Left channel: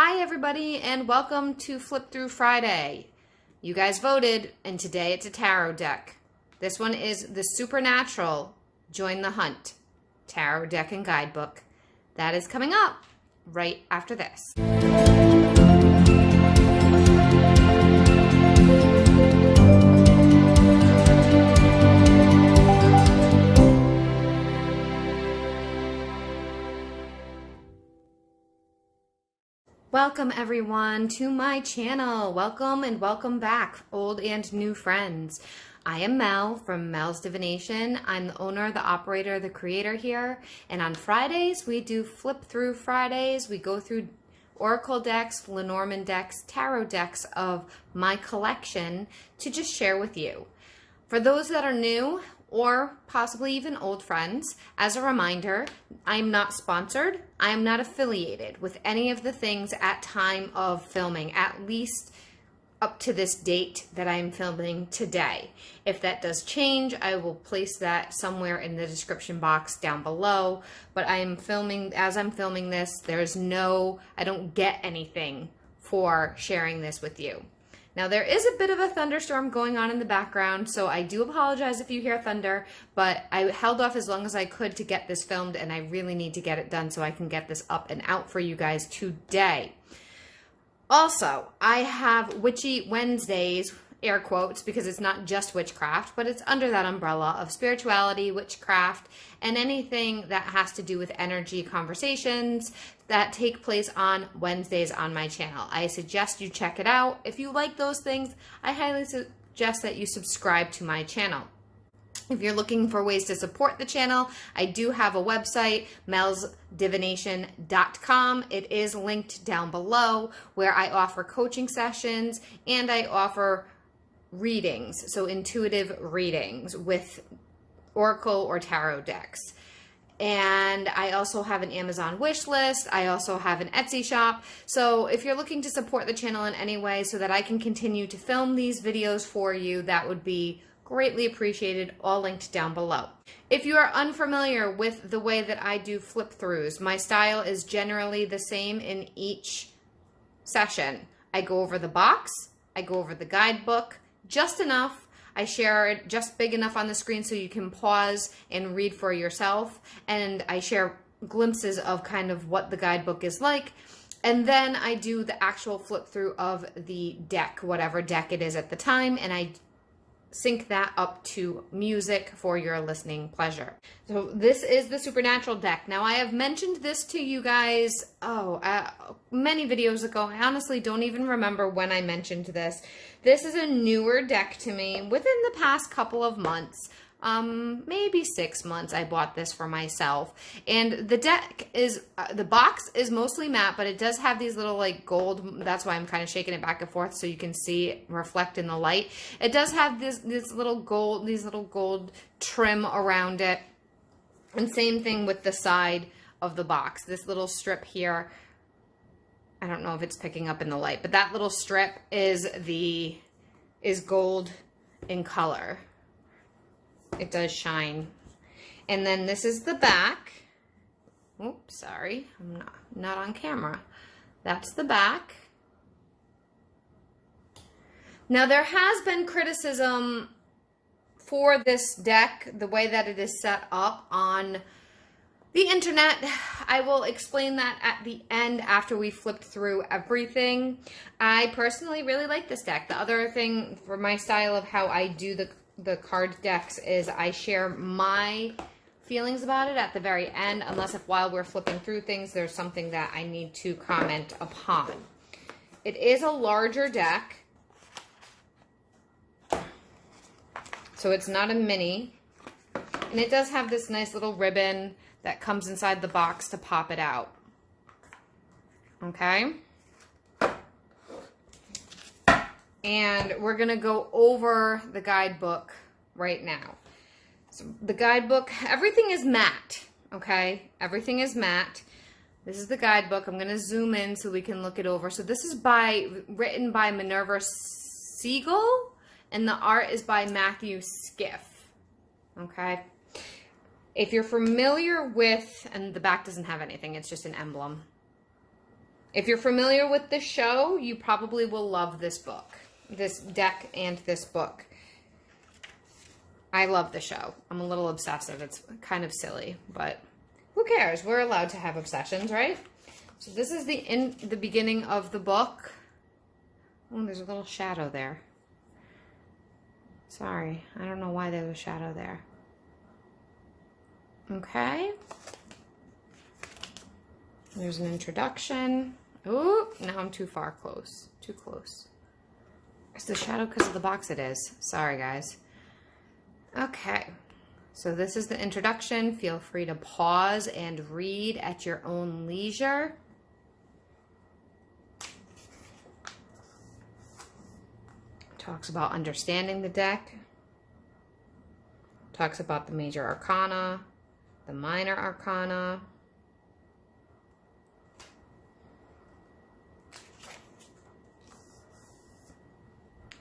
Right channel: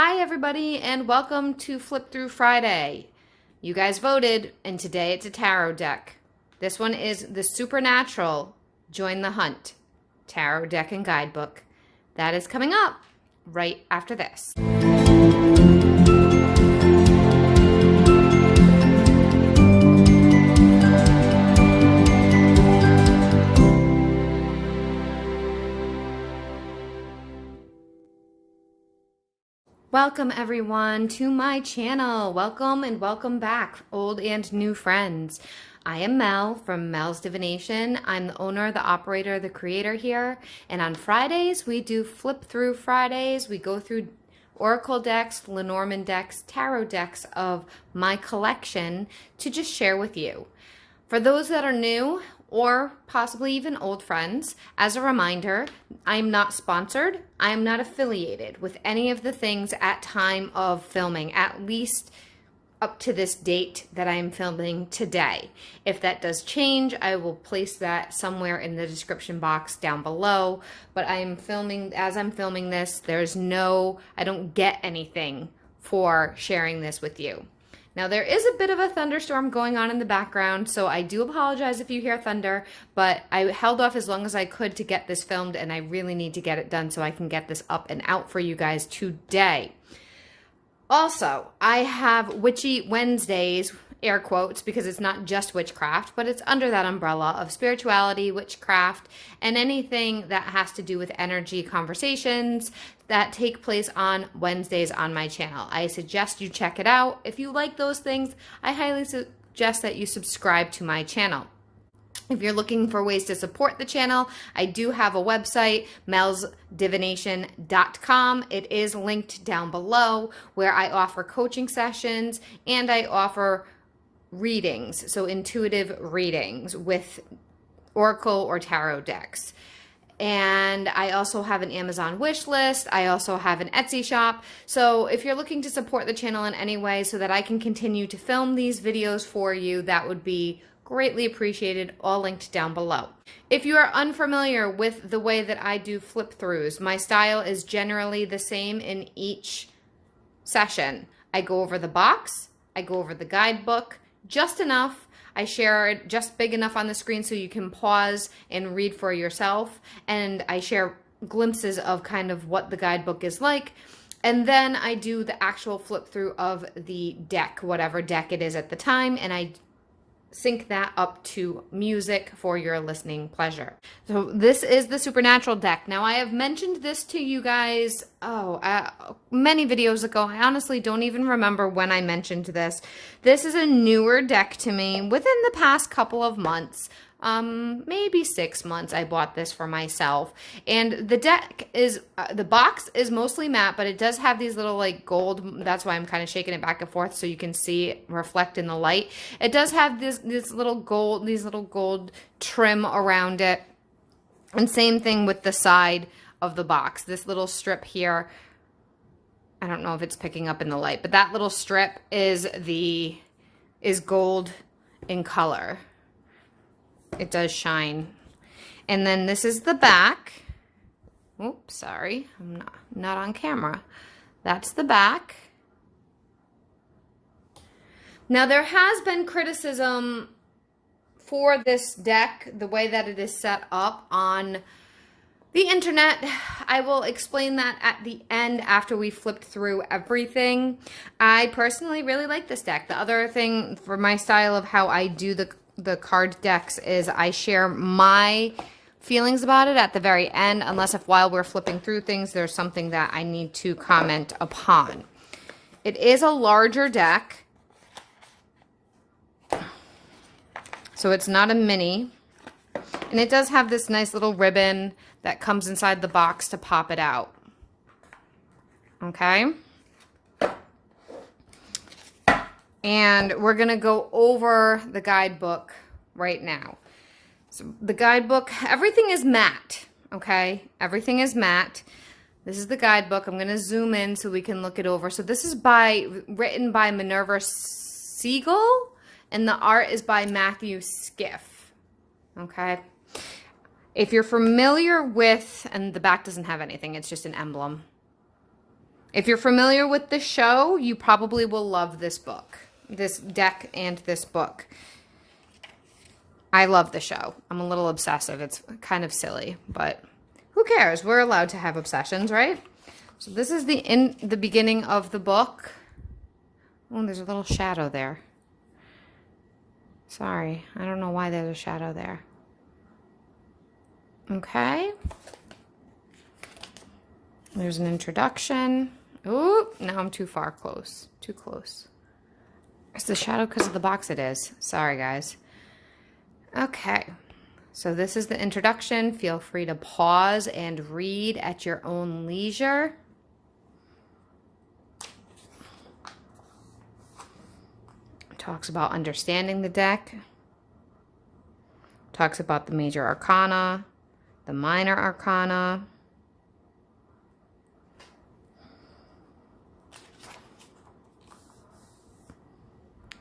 Hi everybody and welcome to Flip Thru Friday. You guys voted and today it's a tarot deck. This one is the Supernatural Join the Hunt Tarot Deck and Guidebook. That is coming up right after this. Welcome everyone to my channel. Welcome and welcome back, old and new friends. I am Mel from Mel's Divination. I'm the owner, the operator, the creator here. And on Fridays, we do Flip Thru Fridays. We go through oracle decks, Lenormand decks, tarot decks of my collection to just share with you. For those that are new, or possibly even old friends, as a reminder, I'm not sponsored. I am not affiliated with any of the things at time of filming, at least up to this date that I'm filming today. If that does change, I will place that somewhere in the description box down below. But I am filming, as I'm filming this, I don't get anything for sharing this with you. Now there is a bit of a thunderstorm going on in the background, so I do apologize if you hear thunder, but I held off as long as I could to get this filmed, and I really need to get it done so I can get this up and out for you guys today. Also, I have Witchy Wednesdays, air quotes, because it's not just witchcraft, but it's under that umbrella of spirituality, witchcraft, and anything that has to do with energy conversations that take place on Wednesdays on my channel. I suggest you check it out. If you like those things, I highly suggest that you subscribe to my channel. If you're looking for ways to support the channel, I do have a website, melsdivination.com. It is linked down below, where I offer coaching sessions and I offer readings, so intuitive readings with oracle or tarot decks. And I also have an Amazon wish list. I also have an Etsy shop. So if you're looking to support the channel in any way so that I can continue to film these videos for you, that would be greatly appreciated, all linked down below. If you are unfamiliar with the way that I do flip throughs, my style is generally the same in each session. I go over the box, I go over the guidebook, just enough. I share it just big enough on the screen so you can pause and read for yourself. And I share glimpses of kind of what the guidebook is like. And then I do the actual flip through of the deck, whatever deck it is at the time. And I sync that up to music for your listening pleasure. So this is the Supernatural deck. Now I have mentioned this to you guys many videos ago. I honestly don't even remember when I mentioned this. This is a newer deck to me within the past couple of months. Maybe 6 months I bought this for myself. And the deck is, the box is mostly matte, but it does have these little like gold, that's why I'm kind of shaking it back and forth so you can see it reflect in the light. It does have these little gold trim around it. And same thing with the side of the box. This little strip here, I don't know if it's picking up in the light, but that little strip is gold in color. It does shine. And then this is the back. Oops, sorry. I'm not on camera. That's the back. Now there has been criticism for this deck, the way that it is set up on the internet. I will explain that at the end after we flipped through everything. I personally really like this deck. The other thing for my style of how I do the card decks is I share my feelings about it at the very end, unless if while we're flipping through things there's something that I need to comment upon. It is a larger deck, so it's not a mini, and it does have this nice little ribbon that comes inside the box to pop it out. Okay? And we're going to go over the guidebook right now. So the guidebook, everything is matte, okay? Everything is matte. This is the guidebook. I'm going to zoom in so we can look it over. So this is written by Minerva Siegel, and the art is by Matthew Skiff, okay? If you're familiar with, and the back doesn't have anything, it's just an emblem. If you're familiar with the show, you probably will love this book, this deck and this book. I love the show. I'm a little obsessive. It's kind of silly, but who cares? We're allowed to have obsessions, right? So this is the beginning of the book. Oh, there's a little shadow there. Sorry, I don't know why there's a shadow there. Okay. There's an introduction. Oh, now I'm too close. Too close. It's the shadow because of the box it is. Sorry, guys. Okay. So this is the introduction. Feel free to pause and read at your own leisure. Talks about understanding the deck. Talks about the major arcana, the minor arcana.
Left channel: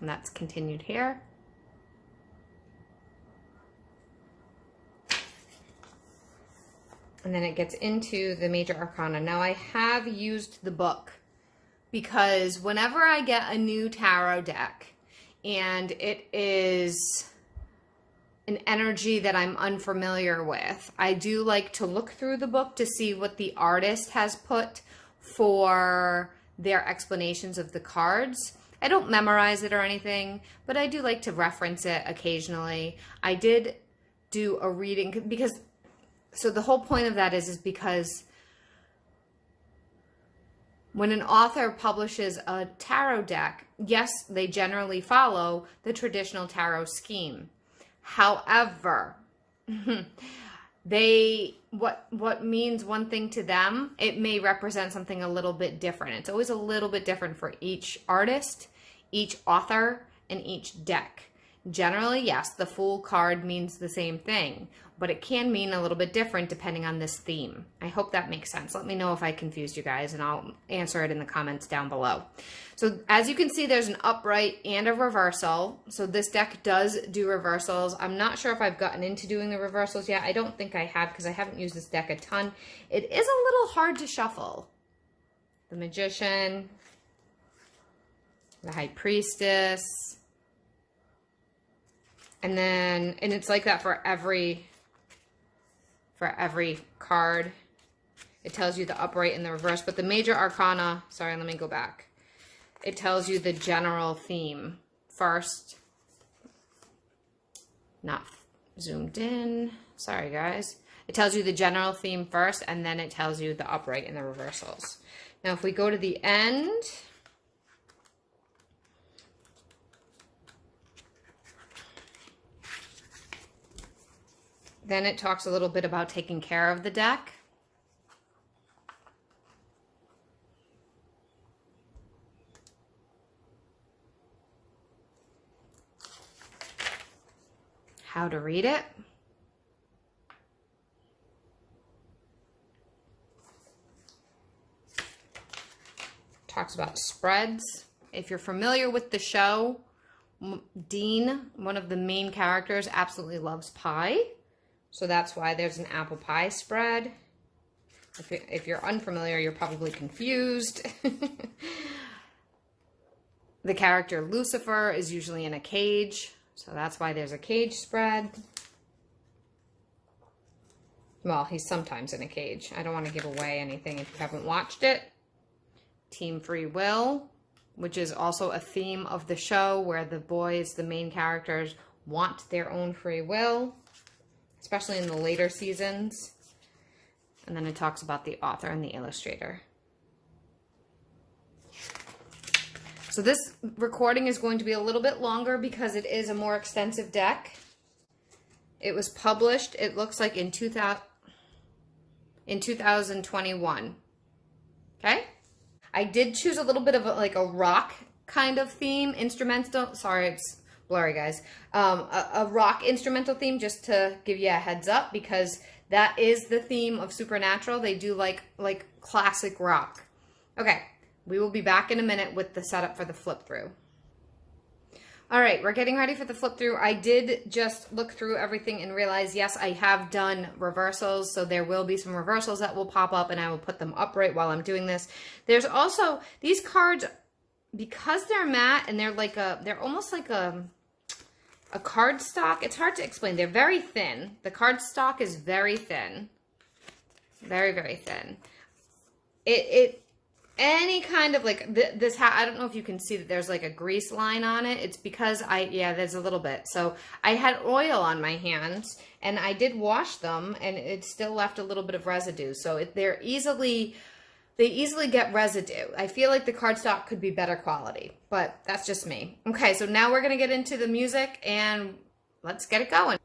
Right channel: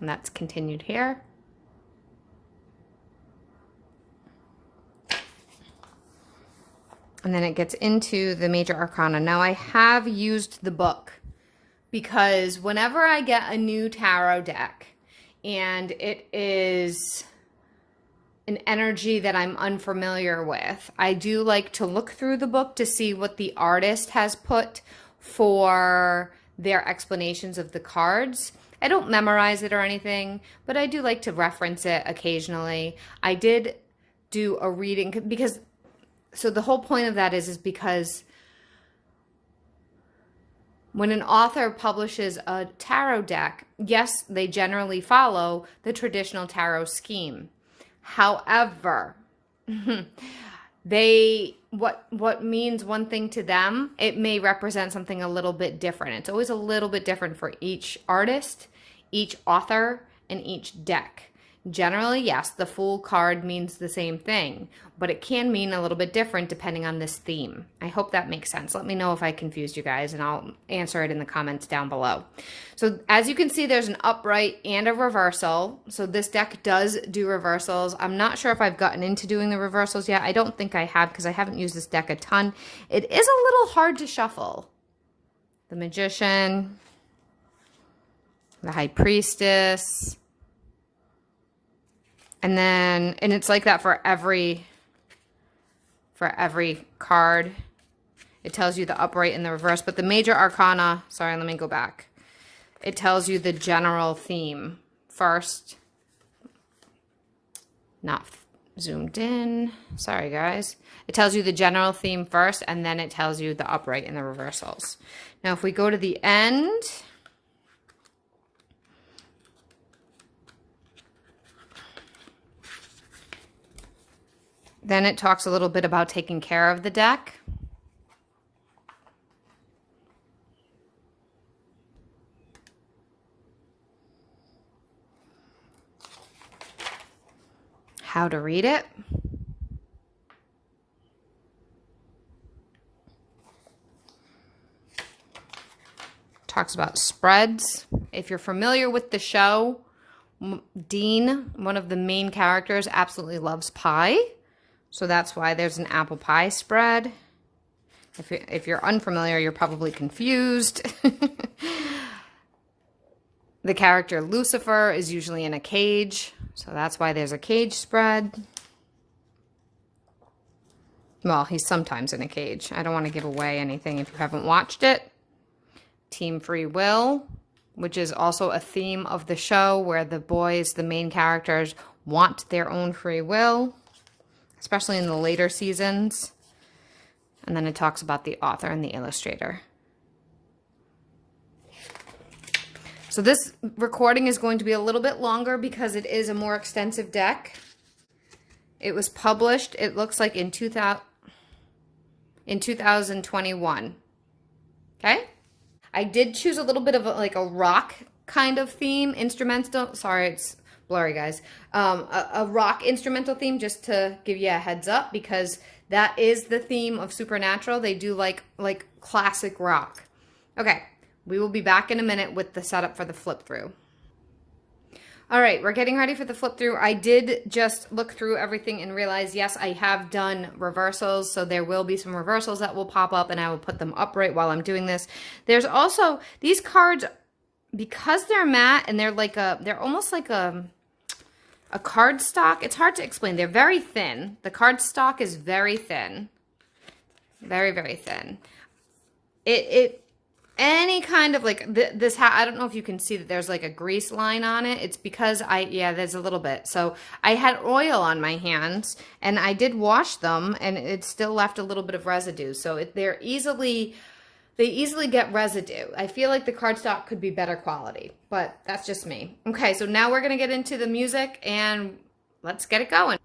And that's continued here. And then it gets into the major arcana. Now I have used the book because whenever I get a new tarot deck and it is an energy that I'm unfamiliar with, I do like to look through the book to see what the artist has put for their explanations of the cards. I don't memorize it or anything, but I do like to reference it occasionally. I did do a reading because, so the whole point of that is because when an author publishes a tarot deck, yes, they generally follow the traditional tarot scheme. However, what means one thing to them, it may represent something a little bit different. It's always a little bit different for each artist, each author, and each deck. Generally, yes, the Fool card means the same thing, but it can mean a little bit different depending on this theme. I hope that makes sense. Let me know if I confused you guys, and I'll answer it in the comments down below. So as you can see, there's an upright and a reversal. So this deck does do reversals. I'm not sure if I've gotten into doing the reversals yet. I don't think I have because I haven't used this deck a ton. It is a little hard to shuffle. The Magician, the High Priestess, and it's like that for every card. It tells you the upright and the reverse, but the major arcana, sorry, let me go back. It tells you the general theme first. Not zoomed in. Sorry, guys. It tells you the general theme first, and then it tells you the upright and the reversals. Now, if we go to the end, then it talks a little bit about taking care of the deck. How to read it. Talks about spreads. If you're familiar with the show, Dean, one of the main characters, absolutely loves pie. So that's why there's an apple pie spread. If you're unfamiliar, you're probably confused. The character Lucifer is usually in a cage. So that's why there's a cage spread. Well, he's sometimes in a cage. I don't want to give away anything if you haven't watched it. Team Free Will, which is also a theme of the show where the boys, the main characters, want their own free will, especially in the later seasons. And then it talks about the author and the illustrator. So this recording is going to be a little bit longer because it is a more extensive deck. It was published, it looks like in 2021. Okay? I did choose a little bit of a rock kind of theme, instrumental. Sorry, it's blurry, guys. A rock instrumental theme, just to give you a heads up, because that is the theme of Supernatural. They do like classic rock. Okay, we will be back in a minute with the setup for the flip through. All right, we're getting ready for the flip through. I did just look through everything and realize, yes, I have done reversals. So there will be some reversals that will pop up and I will put them upright while I'm doing this. There's also these cards, because they're matte and they're almost like a card stock. It's hard to explain. They're very thin. The card stock is very thin. Very, very thin. Any kind of like this hat, I don't know if you can see that there's like a grease line on it. It's because there's a little bit. So I had oil on my hands and I did wash them and it still left a little bit of residue. So they easily get residue. I feel like the cardstock could be better quality, but that's just me. Okay, so now we're gonna get into the music and let's get it going.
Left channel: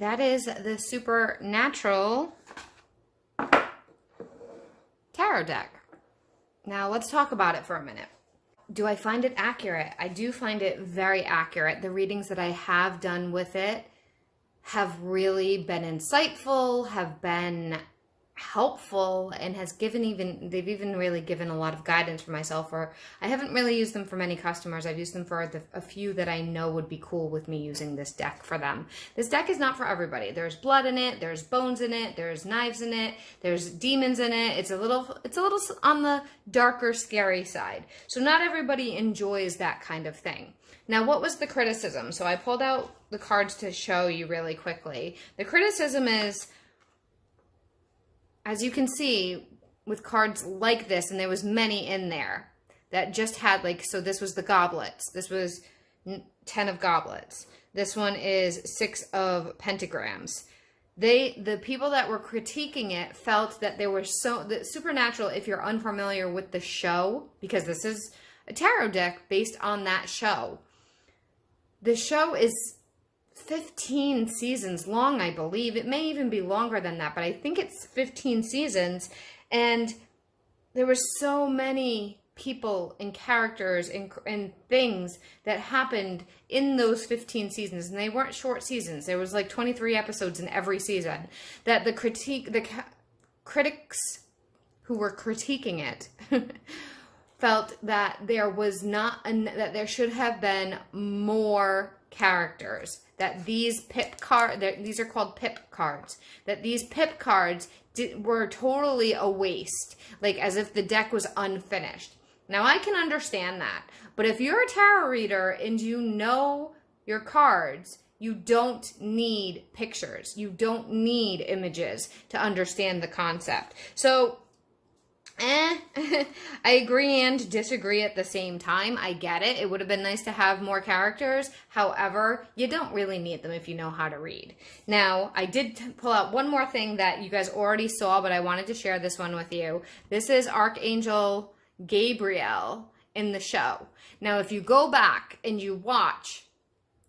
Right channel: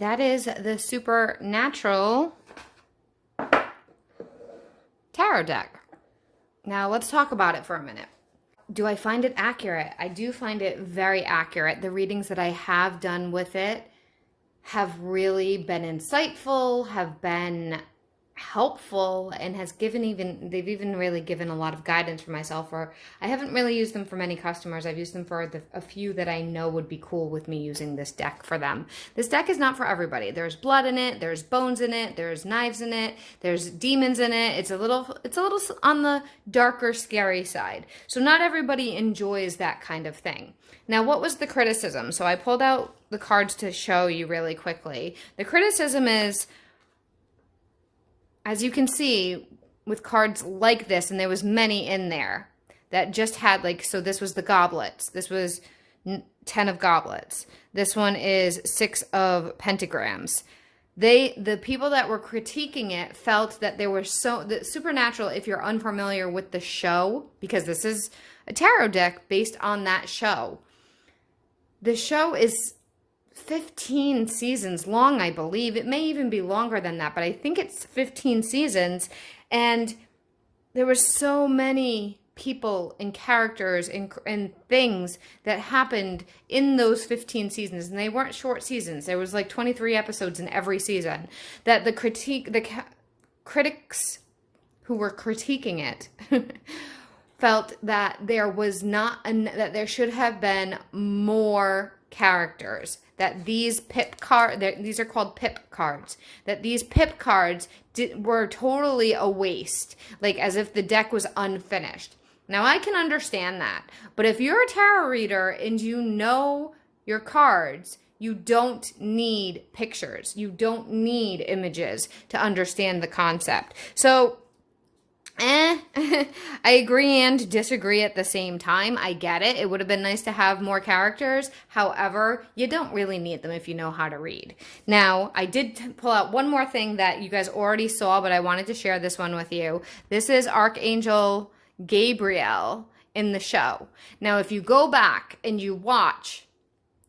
right, that is the Supernatural Tarot deck. Now let's talk about it for a minute. Do I find it accurate? I do find it very accurate. The readings that I have done with it have really been insightful, have been helpful, and they've even really given a lot of guidance for myself. Or I haven't really used them for many customers. I've used them for a few that I know would be cool with me using this deck for them. This deck is not for everybody. There's blood in it, there's bones in it, there's knives in it, there's demons in it. It's a little on the darker, scary side. So not everybody enjoys that kind of thing. Now, what was the criticism? So I pulled out the cards to show you really quickly. The criticism is, as you can see, with cards like this, and there was many in there that just had so this was the goblets. This was 10 of goblets. This one is 6 of pentagrams. The people that were critiquing it felt that there was that Supernatural, if you're unfamiliar with the show, because this is a tarot deck based on that show. The show is 15 seasons long, I believe. It may even be longer than that, but I think it's 15 seasons. And there were so many people and characters and things that happened in those 15 seasons. And they weren't short seasons. There was 23 episodes in every season. That the critics who were critiquing it felt that that there should have been more characters, that these these are called pip cards, that these pip cards were totally a waste, as if the deck was unfinished. Now I can understand that, but if you're a tarot reader and you know your cards, you don't need pictures, you don't need images to understand the concept. So I agree and disagree at the same time. I get it. It would have been nice to have more characters. However, you don't really need them if you know how to read. Now, I did pull out one more thing that you guys already saw, but I wanted to share this one with you. This is Archangel Gabriel in the show. Now, if you go back and you watch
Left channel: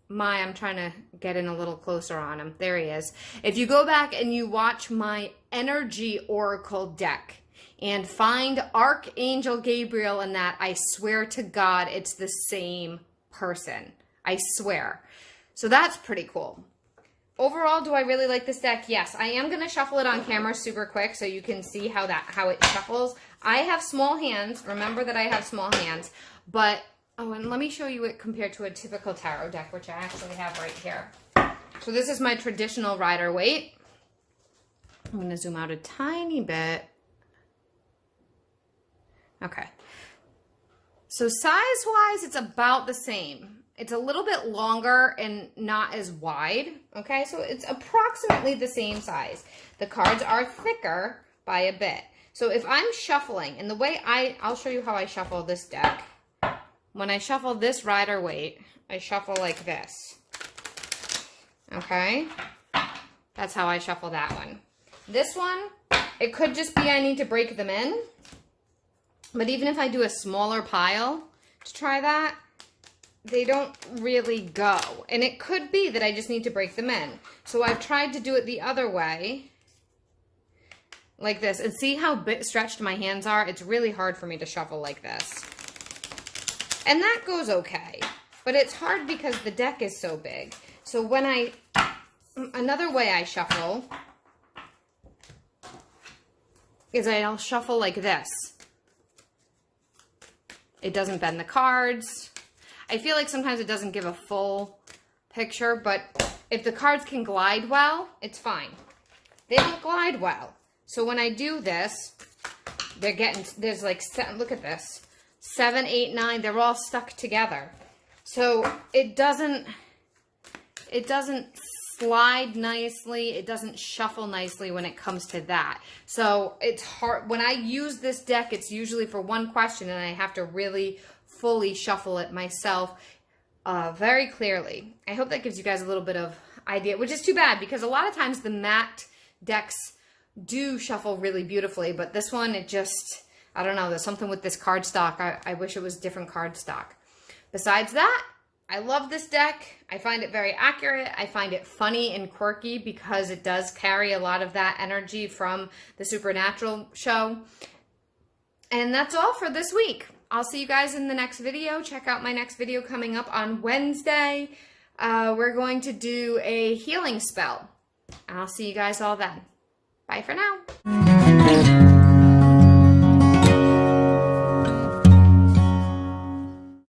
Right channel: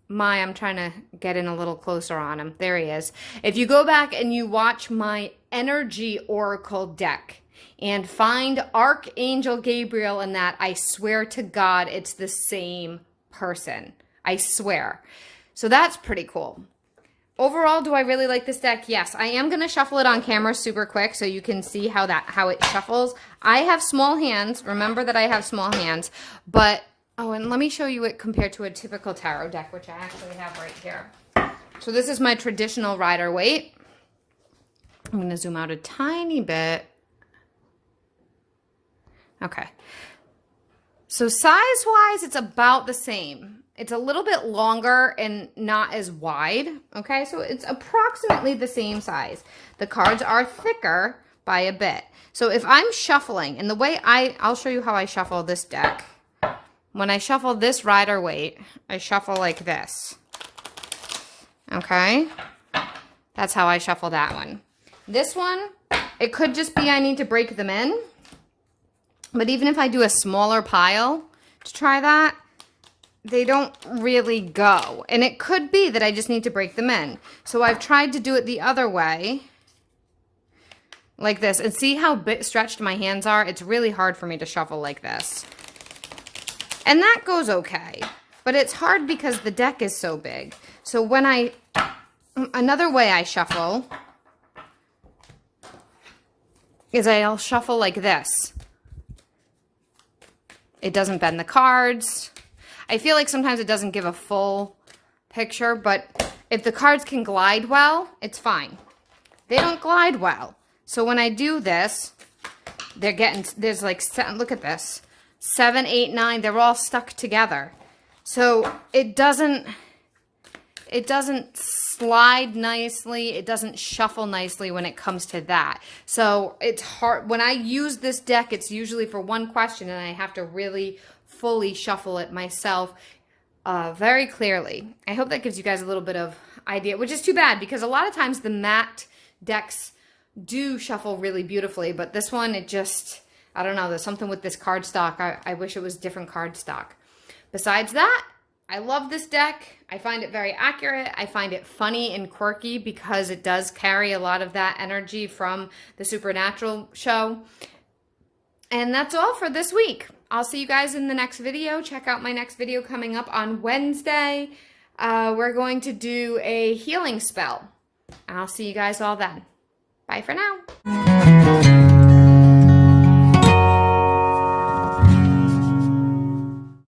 I'm trying to get in a little closer on him. There he is. If you go back and you watch my Energy Oracle deck, and find Archangel Gabriel in that, I swear to God, it's the same person. I swear. So that's pretty cool. Overall, do I really like this deck? Yes. I am going to shuffle it on camera super quick so you can see how it shuffles. I have small hands. Remember that I have small hands. But, and let me show you it compared to a typical tarot deck, which I actually have right here. So this is my traditional Rider-Waite. I'm going to zoom out a tiny bit. Okay, so size-wise, it's about the same. It's a little bit longer and not as wide, okay? So it's approximately the same size. The cards are thicker by a bit. So if I'm shuffling, and the way I'll show you how I shuffle this deck. When I shuffle this Rider-Waite, I shuffle like this, okay? That's how I shuffle that one. This one, it could just be I need to break them in. But even if I do a smaller pile to try that, they don't really go. And it could be that I just need to break them in. So I've tried to do it the other way, like this. And see how stretched my hands are? It's really hard for me to shuffle like this. And that goes okay. But it's hard because the deck is so big. So another way I shuffle is I'll shuffle like this. It doesn't bend the cards. I feel like sometimes it doesn't give a full picture, but if the cards can glide well, it's fine. They don't glide well. So when I do this, there's look at this, 7, 8, 9, they're all stuck together. So it doesn't slide nicely. It doesn't shuffle nicely when it comes to that. So it's hard. When I use this deck, it's usually for one question, and I have to really fully shuffle it myself very clearly. I hope that gives you guys a little bit of idea, which is too bad because a lot of times the matte decks do shuffle really beautifully, but this one, I don't know, there's something with this cardstock. I wish it was different cardstock. Besides that, I love this deck. I find it very accurate. I find it funny and quirky because it does carry a lot of that energy from the Supernatural show. And that's all for this week. I'll see you guys in the next video. Check out my next video coming up on Wednesday. We're going to do a healing spell. I'll see you guys all then. Bye for now.